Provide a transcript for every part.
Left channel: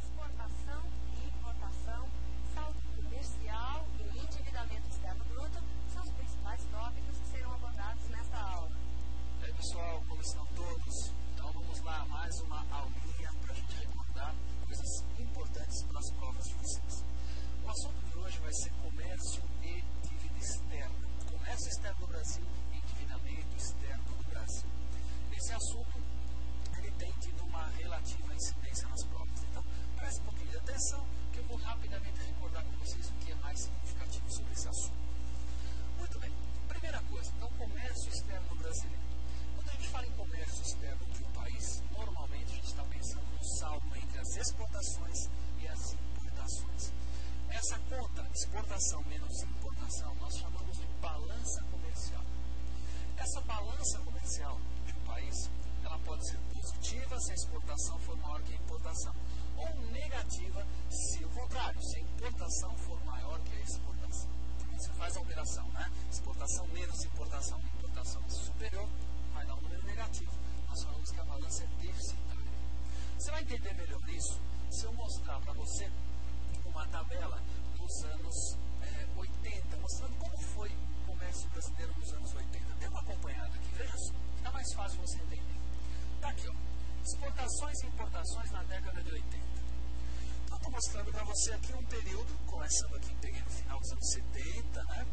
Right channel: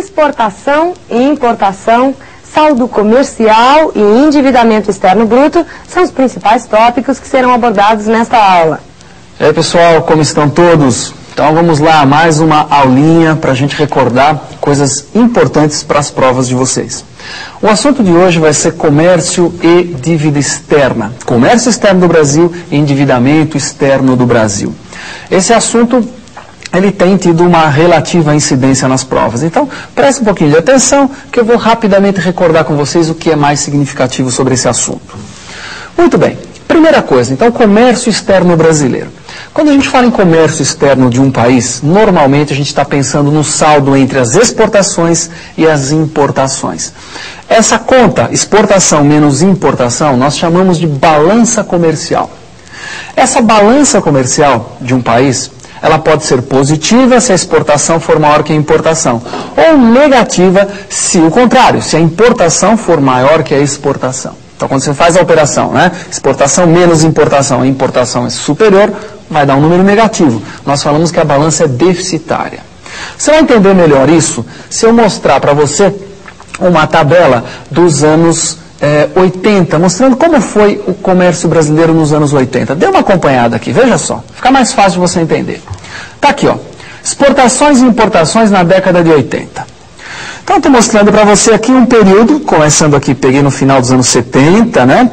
exportação e importação, saldo comercial e endividamento externo bruto são os principais tópicos que serão abordados nesta aula. E aí, pessoal, como estão todos? Então vamos lá, mais uma aulinha para a gente recordar coisas importantes para as provas de vocês. O assunto de hoje vai ser comércio e dívida externa. Comércio externo do Brasil e endividamento externo do Brasil. Esse assunto, ele tem tido uma relativa incidência nas provas. Então, preste um pouquinho de atenção, que eu vou rapidamente recordar com vocês o que é mais significativo sobre esse assunto. Muito bem. Primeira coisa, então, comércio externo brasileiro. Quando a gente fala em comércio externo de um país, normalmente a gente está pensando no saldo entre as exportações e as importações. Essa conta, exportação menos importação, nós chamamos de balança comercial. Essa balança comercial de um país, ela pode ser positiva se a exportação for maior que a importação, ou negativa se o contrário, se a importação for maior que a exportação. Então, quando você faz a operação, né, exportação menos importação, a importação é superior, vai dar um número negativo. Nós falamos que a balança é deficitária. Você vai entender melhor isso se eu mostrar para você uma tabela dos anos 80, mostrando como foi o comércio brasileiro nos anos 80. Dê uma acompanhada aqui, veja só, fica mais fácil de você entender. Está aqui, ó, exportações e importações na década de 80. Então, estou mostrando para você aqui um período, começando aqui, peguei no final dos anos 70, né?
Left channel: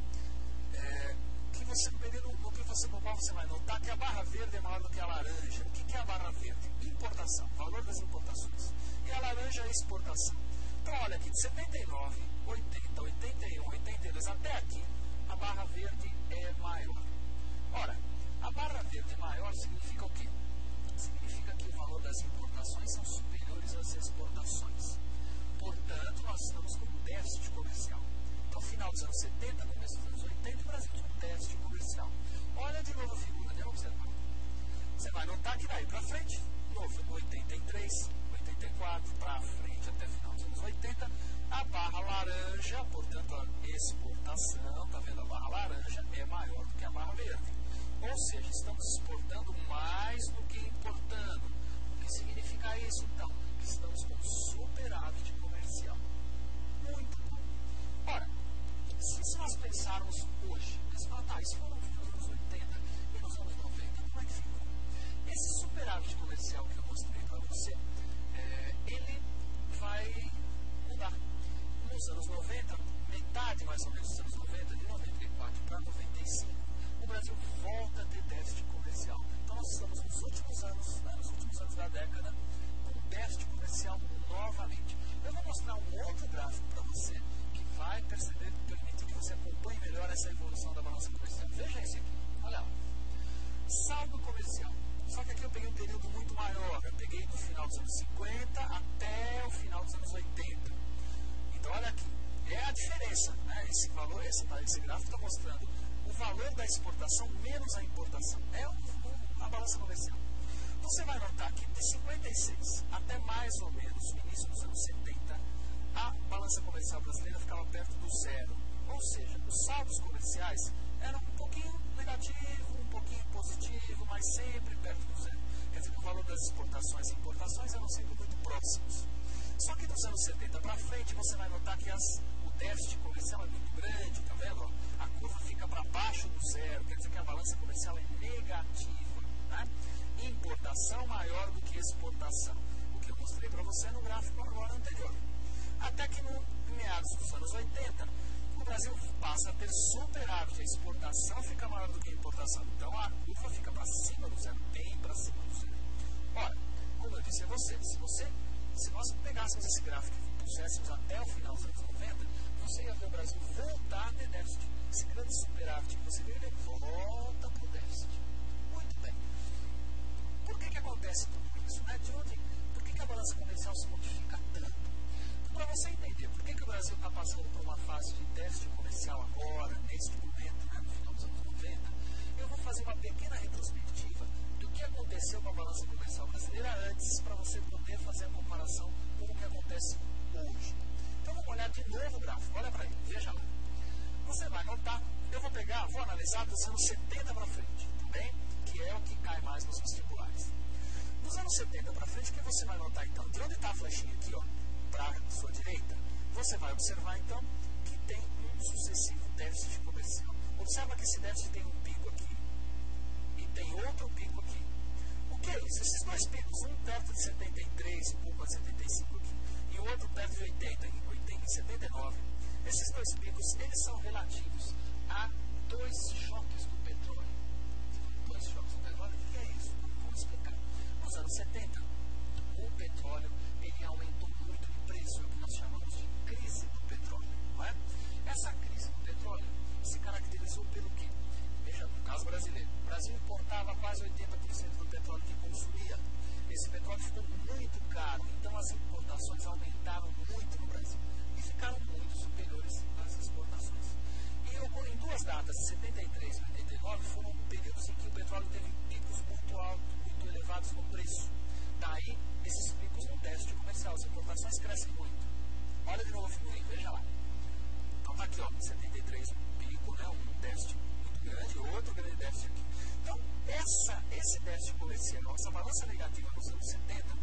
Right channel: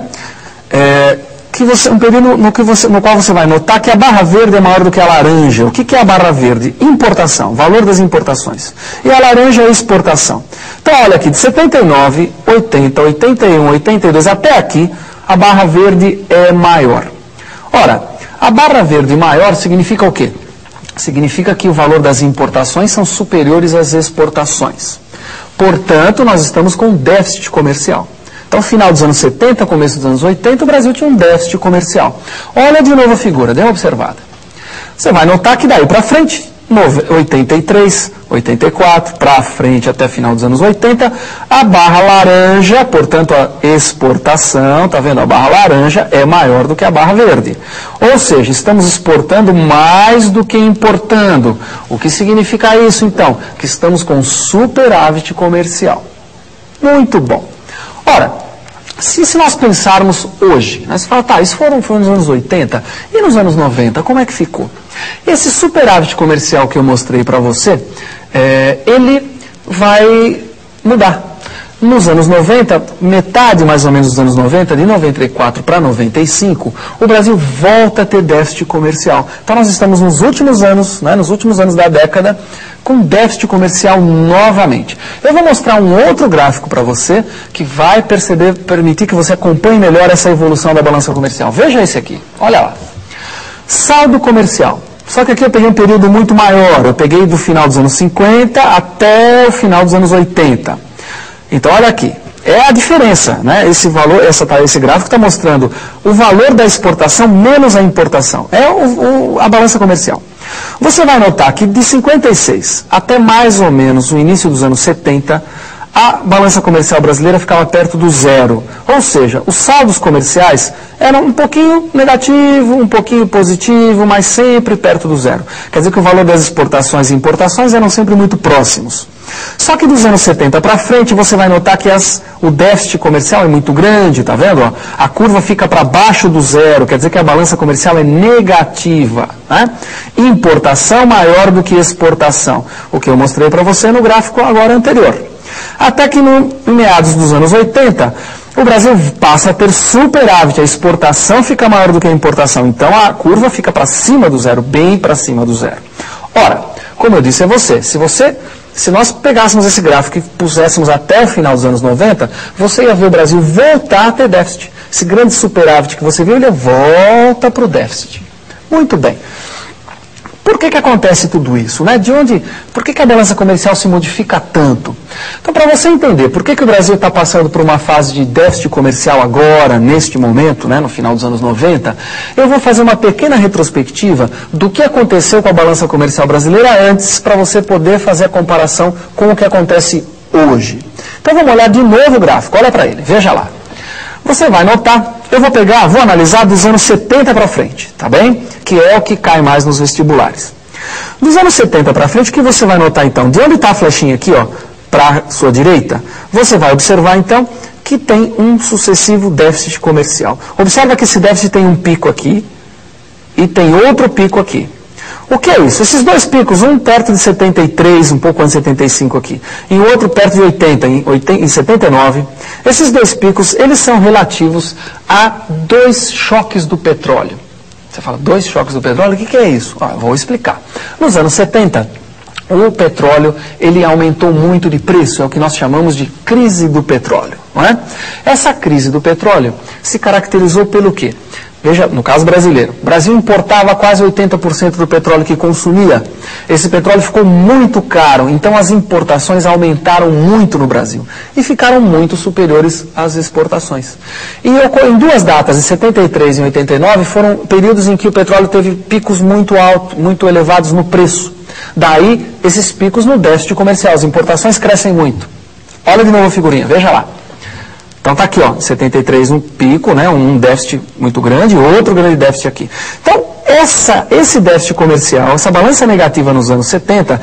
Um período no qual você vai notar que a barra verde é maior do que a laranja. O que é a barra verde? Importação, valor das importações. E a laranja é exportação. Então, olha aqui, de 79, 80, 81, 82, até aqui, a barra verde é maior. Ora, a barra verde maior significa o quê? Significa que o valor das importações são superiores às exportações. Portanto, nós estamos com déficit comercial. Então, final dos anos 70, começo dos anos 80, o Brasil tinha um déficit comercial. Olha de novo a figura, dê uma observada. Você vai notar que daí para frente, 83, 84, para frente até final dos anos 80, a barra laranja, portanto a exportação, tá vendo? A barra laranja é maior do que a barra verde. Ou seja, estamos exportando mais do que importando. O que significa isso, então? Que estamos com superávit comercial. Muito bom. Ora, se nós pensarmos hoje, né, você fala, tá, isso foi nos anos 80, e nos anos 90, como é que ficou? Esse superávit comercial que eu mostrei para você, ele vai mudar. Nos anos 90, metade mais ou menos dos anos 90, de 94 para 95, o Brasil volta a ter déficit comercial. Então nós estamos nos últimos anos, né, nos últimos anos da década, com déficit comercial novamente. Eu vou mostrar um outro gráfico para você que vai permitir que você acompanhe melhor essa evolução da balança comercial. Veja esse aqui, olha lá. Saldo comercial. Só que aqui eu peguei um período muito maior. Eu peguei do final dos anos 50 até o final dos anos 80. Então, olha aqui. É a diferença, né? Esse valor, esse gráfico está mostrando o valor da exportação menos a importação. É a balança comercial. Você vai notar que de 56 até mais ou menos o início dos anos 70, a balança comercial brasileira ficava perto do zero. Ou seja, os saldos comerciais eram um pouquinho negativo, um pouquinho positivo, mas sempre perto do zero. Quer dizer que o valor das exportações e importações eram sempre muito próximos. Só que dos anos 70 para frente, você vai notar que o déficit comercial é muito grande, tá vendo? Ó? A curva fica para baixo do zero, quer dizer que a balança comercial é negativa. Né? Importação maior do que exportação, o que eu mostrei para você no gráfico agora anterior. Até que em meados dos anos 80, o Brasil passa a ter superávit, a exportação fica maior do que a importação, então a curva fica para cima do zero, bem para cima do zero. Ora, como eu disse a você, se nós pegássemos esse gráfico e puséssemos até o final dos anos 90, você ia ver o Brasil voltar a ter déficit. Esse grande superávit que você viu, ele volta para o déficit. Muito bem. Por que acontece tudo isso? Né? Por que a balança comercial se modifica tanto? Então, para você entender por que o Brasil está passando por uma fase de déficit comercial agora, neste momento, né, no final dos anos 90, eu vou fazer uma pequena retrospectiva do que aconteceu com a balança comercial brasileira antes, para você poder fazer a comparação com o que acontece hoje. Então, vamos olhar de novo o gráfico, olha para ele, veja lá. Você vai notar, vou analisar dos anos 70 para frente, tá bem? Que é o que cai mais nos vestibulares. Dos anos 70 para frente, o que você vai notar então? De onde está a flechinha aqui, ó? para a sua direita, você vai observar, então, que tem um sucessivo déficit comercial. Observa que esse déficit tem um pico aqui e tem outro pico aqui. O que é isso? Esses dois picos, um perto de 73, um pouco antes de 75 aqui, e o outro perto de 80, em 79, esses dois picos, eles são relativos a dois choques do petróleo. Você fala, dois choques do petróleo? O que é isso? Vou explicar. Nos anos 70, o petróleo, ele aumentou muito de preço, é o que nós chamamos de crise do petróleo, não é? Essa crise do petróleo se caracterizou pelo quê? Veja, no caso brasileiro, o Brasil importava quase 80% do petróleo que consumia. Esse petróleo ficou muito caro, então as importações aumentaram muito no Brasil e ficaram muito superiores às exportações. E em duas datas, em 73 e 89, foram períodos em que o petróleo teve picos muito altos, muito elevados no preço. Daí, esses picos no déficit comercial, as importações crescem muito. Olha de novo a figurinha, veja lá. Então está aqui, ó, em 73 um pico, né, um déficit muito grande, outro grande déficit aqui. Então, esse déficit comercial, essa balança negativa nos anos 70,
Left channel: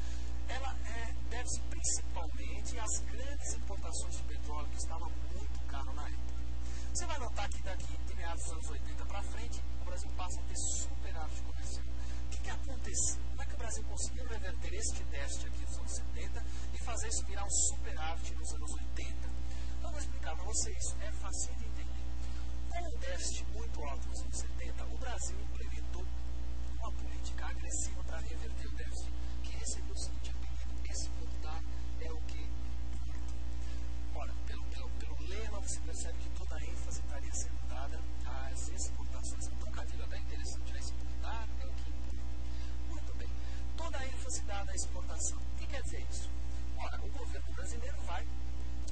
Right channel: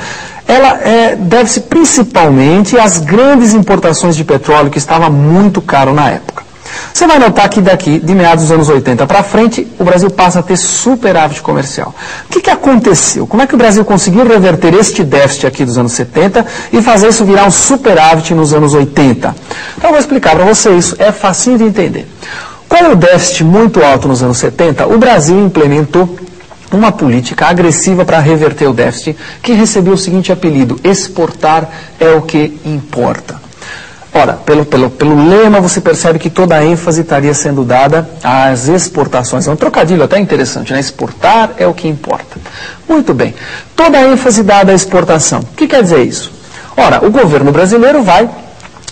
ela deve-se principalmente às grandes importações de petróleo que estava muito caro na época. Você vai notar que daqui, de meados dos anos 80 para frente, o Brasil passa a ter superávit comercial. O que aconteceu? Como é que o Brasil conseguiu reverter este déficit aqui dos anos 70 e fazer isso virar um superávit nos anos 80? Então eu vou explicar para você isso, é facinho de entender. Com o déficit muito alto nos anos 70, o Brasil implementou uma política agressiva para reverter o déficit, que recebeu o seguinte apelido: exportar é o que importa. Ora, pelo lema você percebe que toda a ênfase estaria sendo dada às exportações. É um trocadilho até interessante, né? Exportar é o que importa. Muito bem. Toda a ênfase dada à exportação. O que quer dizer isso? Ora, o governo brasileiro vai,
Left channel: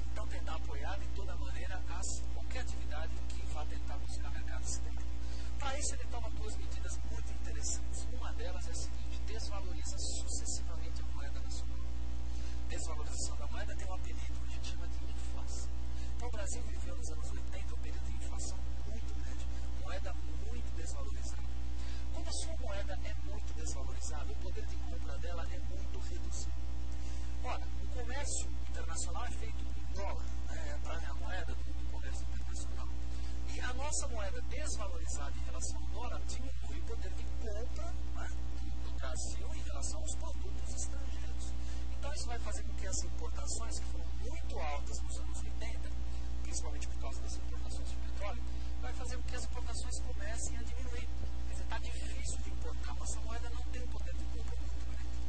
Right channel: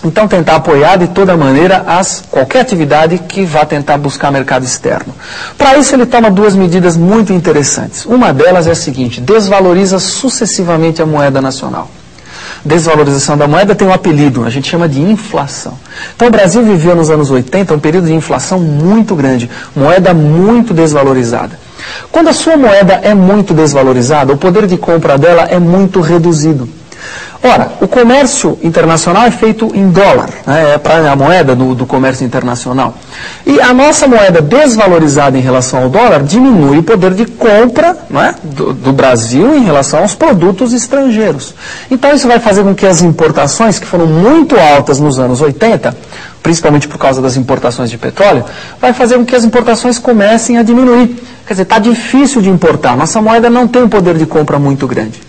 então, tentar apoiar de toda maneira qualquer atividade que vá tentar buscar mercado externo. Para isso, ele toma duas medidas muito interessantes. Uma delas é a seguinte: desvaloriza sucessivamente a moeda nacional. Desvalorização da moeda tem um apelido, a gente chama de inflação. Então o Brasil viveu nos anos 80 um período de inflação muito grande, moeda muito desvalorizada. Quando a sua moeda é muito desvalorizada, o poder de compra dela é muito reduzido. Ora, o comércio internacional é feito em dólar, né? É a moeda do comércio internacional. E a nossa moeda desvalorizada em relação ao dólar diminui o poder de compra, né, do Brasil em relação aos produtos estrangeiros. Então isso vai fazer com que as importações, que foram muito altas nos anos 80, principalmente por causa das importações de petróleo, vai fazer com que as importações comecem a diminuir. Quer dizer, está difícil de importar, nossa moeda não tem um poder de compra muito grande.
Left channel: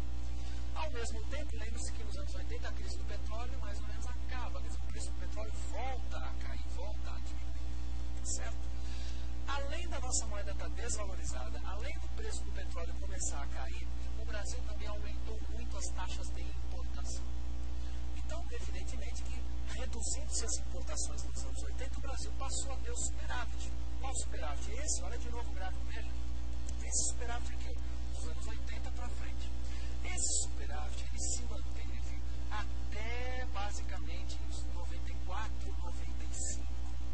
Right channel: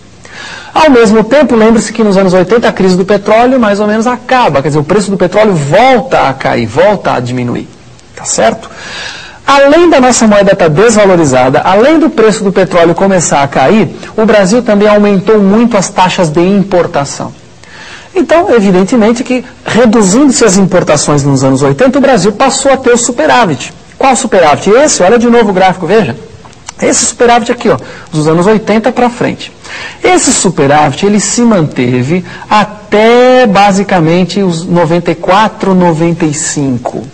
Ao mesmo tempo, lembre-se que nos anos 80 a crise do petróleo mais ou menos acaba, quer dizer, o preço do petróleo volta a cair, volta a diminuir, tá certo? Além da nossa moeda estar desvalorizada, além do preço do petróleo começar a cair, o Brasil também aumentou muito as taxas de importação. Então, evidentemente que, reduzindo-se as importações nos anos 80, o Brasil passou a ter o superávit. Qual superávit? Esse, olha de novo o gráfico, veja. Esse superávit aqui, ó, dos anos 80 para frente. Esse superávit, ele se manteve até, basicamente, os 94, 95.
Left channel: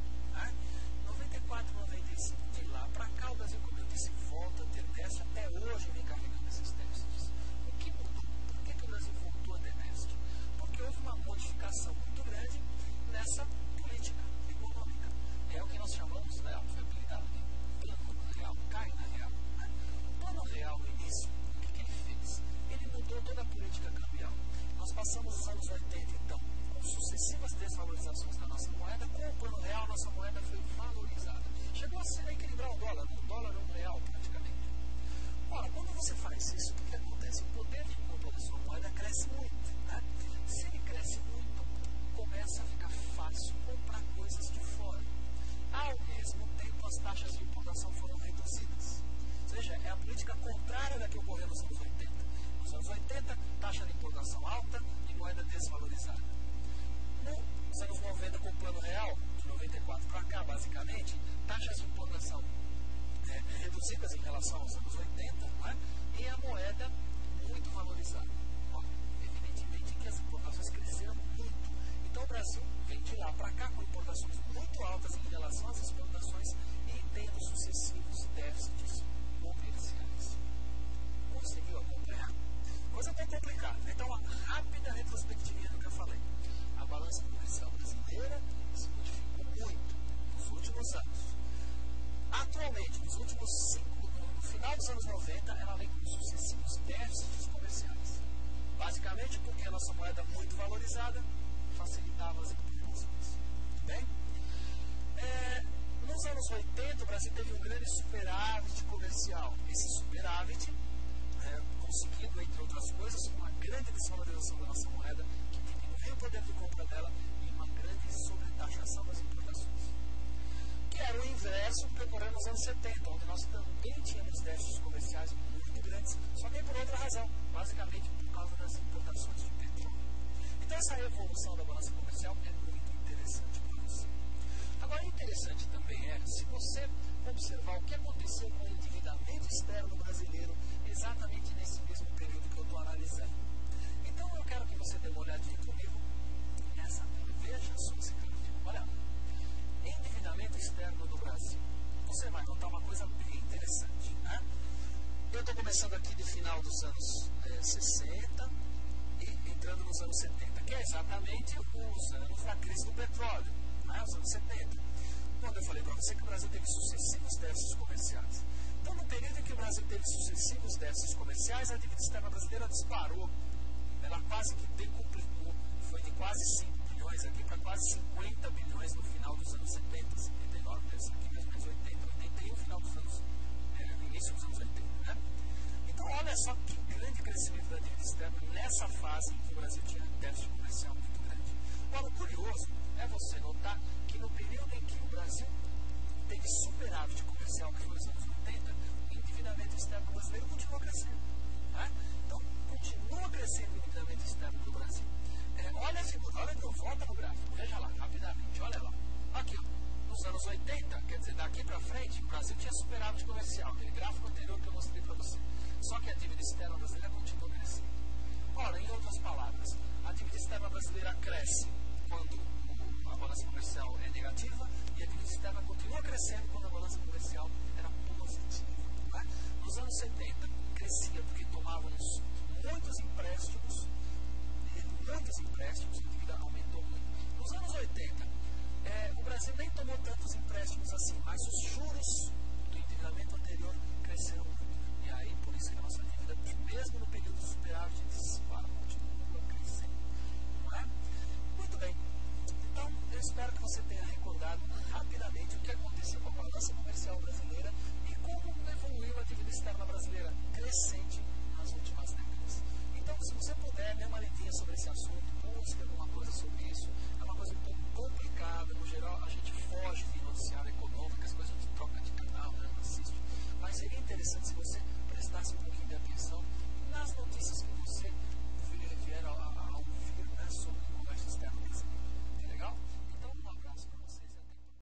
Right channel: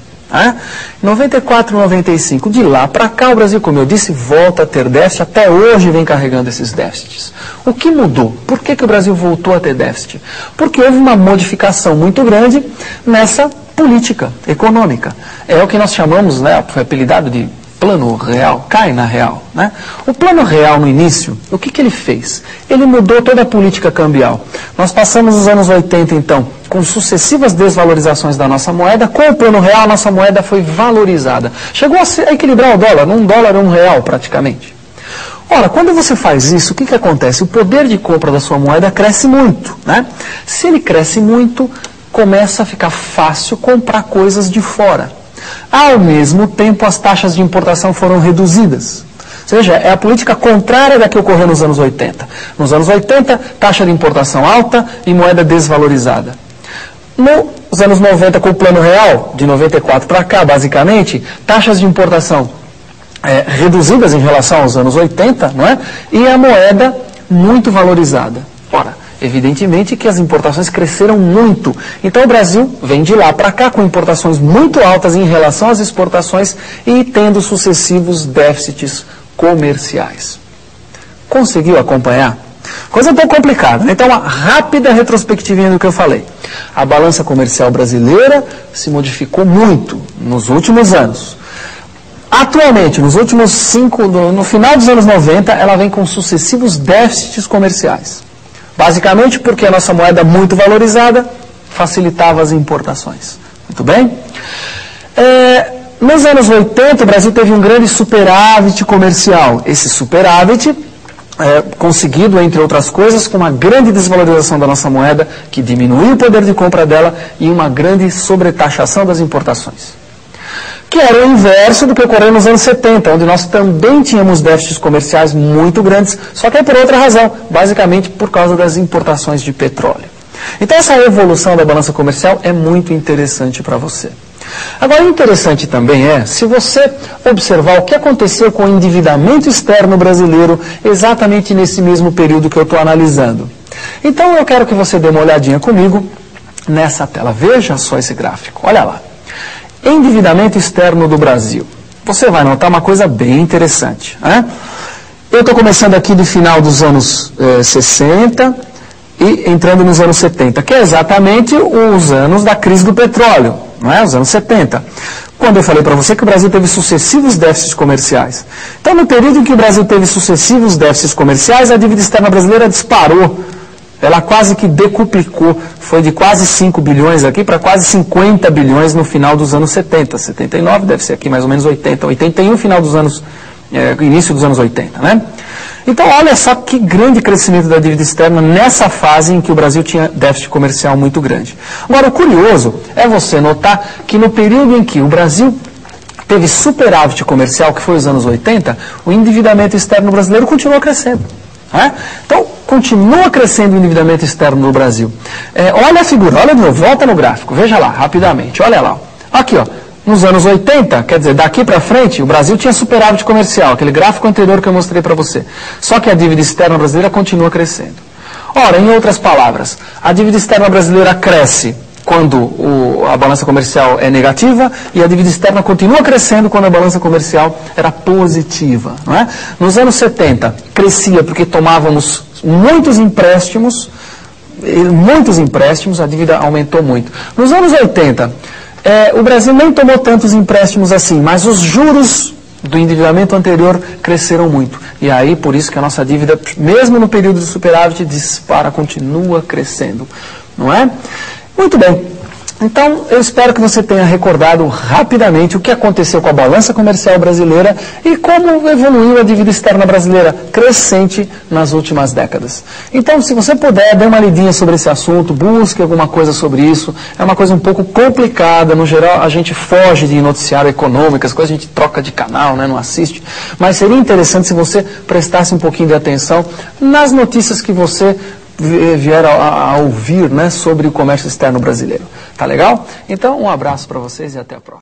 94, 95. De lá para cá, o Brasil, como eu disse, volta a ter déficit, até hoje vem carregando esses déficits. O que mudou? Por que o Brasil voltou a ter déficit? Porque houve uma modificação muito grande nessa política econômica. É o que nós chamamos, né, foi apelidado de Plano Real, cai na real, né? O Plano Real, no início, o que ele fez? Ele mudou toda a política cambial. Nós passamos os anos 80, então, com sucessivas desvalorizações da nossa moeda. Com o Plano Real, a nossa moeda foi valorizada. Chegou a equilibrar o dólar, um dólar a R$1 praticamente. Ora, quando você faz isso, o que acontece? O poder de compra da sua moeda cresce muito, né? Se ele cresce muito, começa a ficar fácil comprar coisas de fora. Ao mesmo tempo, as taxas de importação foram reduzidas. Ou seja, é a política contrária da que ocorreu nos anos 80. Nos anos 80, taxa de importação alta e moeda desvalorizada. Nos anos 90, com o Plano Real, de 94 para cá, basicamente, taxas de importação reduzidas em relação aos anos 80, não é? E a moeda muito valorizada. Ora, evidentemente que as importações cresceram muito. Então o Brasil vem de lá para cá com importações muito altas em relação às exportações e tendo sucessivos déficits comerciais. Conseguiu acompanhar? Coisa um pouco complicada, né? Então, uma rápida retrospectivinha do que eu falei. A balança comercial brasileira se modificou muito nos últimos anos. Atualmente, nos últimos no final dos anos 90, ela vem com sucessivos déficits comerciais. Basicamente porque a nossa moeda muito valorizada facilitava as importações. Muito bem? Nos anos 80, o Brasil teve um grande superávit comercial. Esse superávit conseguido, entre outras coisas, com uma grande desvalorização da nossa moeda, que diminuiu o poder de compra dela e uma grande sobretaxação das importações. Que era o inverso do que ocorreu nos anos 70, onde nós também tínhamos déficits comerciais muito grandes, só que é por outra razão, basicamente por causa das importações de petróleo. Então essa evolução da balança comercial é muito interessante para você. Agora, interessante também se você observar o que aconteceu com o endividamento externo brasileiro exatamente nesse mesmo período que eu estou analisando. Então, eu quero que você dê uma olhadinha comigo nessa tela. Veja só esse gráfico. Olha lá. Endividamento externo do Brasil. Você vai notar uma coisa bem interessante. Eu estou começando aqui do final dos anos 60 e entrando nos anos 70, que é exatamente os anos da crise do petróleo. Não é? Os anos 70, quando eu falei para você que o Brasil teve sucessivos déficits comerciais. Então, no período em que o Brasil teve sucessivos déficits comerciais, a dívida externa brasileira disparou. Ela quase que decuplicou, foi de quase 5 bilhões aqui para quase 50 bilhões no final dos anos 70. 79 deve ser aqui mais ou menos 80, 81 final dos anos, início dos anos 80, né? Então, olha só que grande crescimento da dívida externa nessa fase em que o Brasil tinha déficit comercial muito grande. Agora, o curioso é você notar que no período em que o Brasil teve superávit comercial, que foi os anos 80, o endividamento externo brasileiro continuou crescendo. Então, continua crescendo o endividamento externo no Brasil. Olha a figura, olha de novo, volta no gráfico, veja lá, rapidamente, olha lá. Aqui, ó. Nos anos 80, quer dizer, daqui para frente, o Brasil tinha superávit comercial, aquele gráfico anterior que eu mostrei para você. Só que a dívida externa brasileira continua crescendo. Ora, em outras palavras, a dívida externa brasileira cresce quando a balança comercial é negativa e a dívida externa continua crescendo quando a balança comercial era positiva. Não é? Nos anos 70, crescia porque tomávamos muitos empréstimos, a dívida aumentou muito. Nos anos 80, o Brasil nem tomou tantos empréstimos assim, mas os juros do endividamento anterior cresceram muito. E aí, por isso que a nossa dívida, mesmo no período de superávit, dispara, continua crescendo. Não é? Muito bem. Então, eu espero que você tenha recordado rapidamente o que aconteceu com a balança comercial brasileira e como evoluiu a dívida externa brasileira crescente nas últimas décadas. Então, se você puder, dê uma lidinha sobre esse assunto, busque alguma coisa sobre isso. É uma coisa um pouco complicada, no geral a gente foge de noticiário econômico, as coisas a gente troca de canal, né, não assiste. Mas seria interessante se você prestasse um pouquinho de atenção nas notícias que você vier a ouvir, né, sobre o comércio externo brasileiro. Tá legal? Então, um abraço para vocês e até a próxima.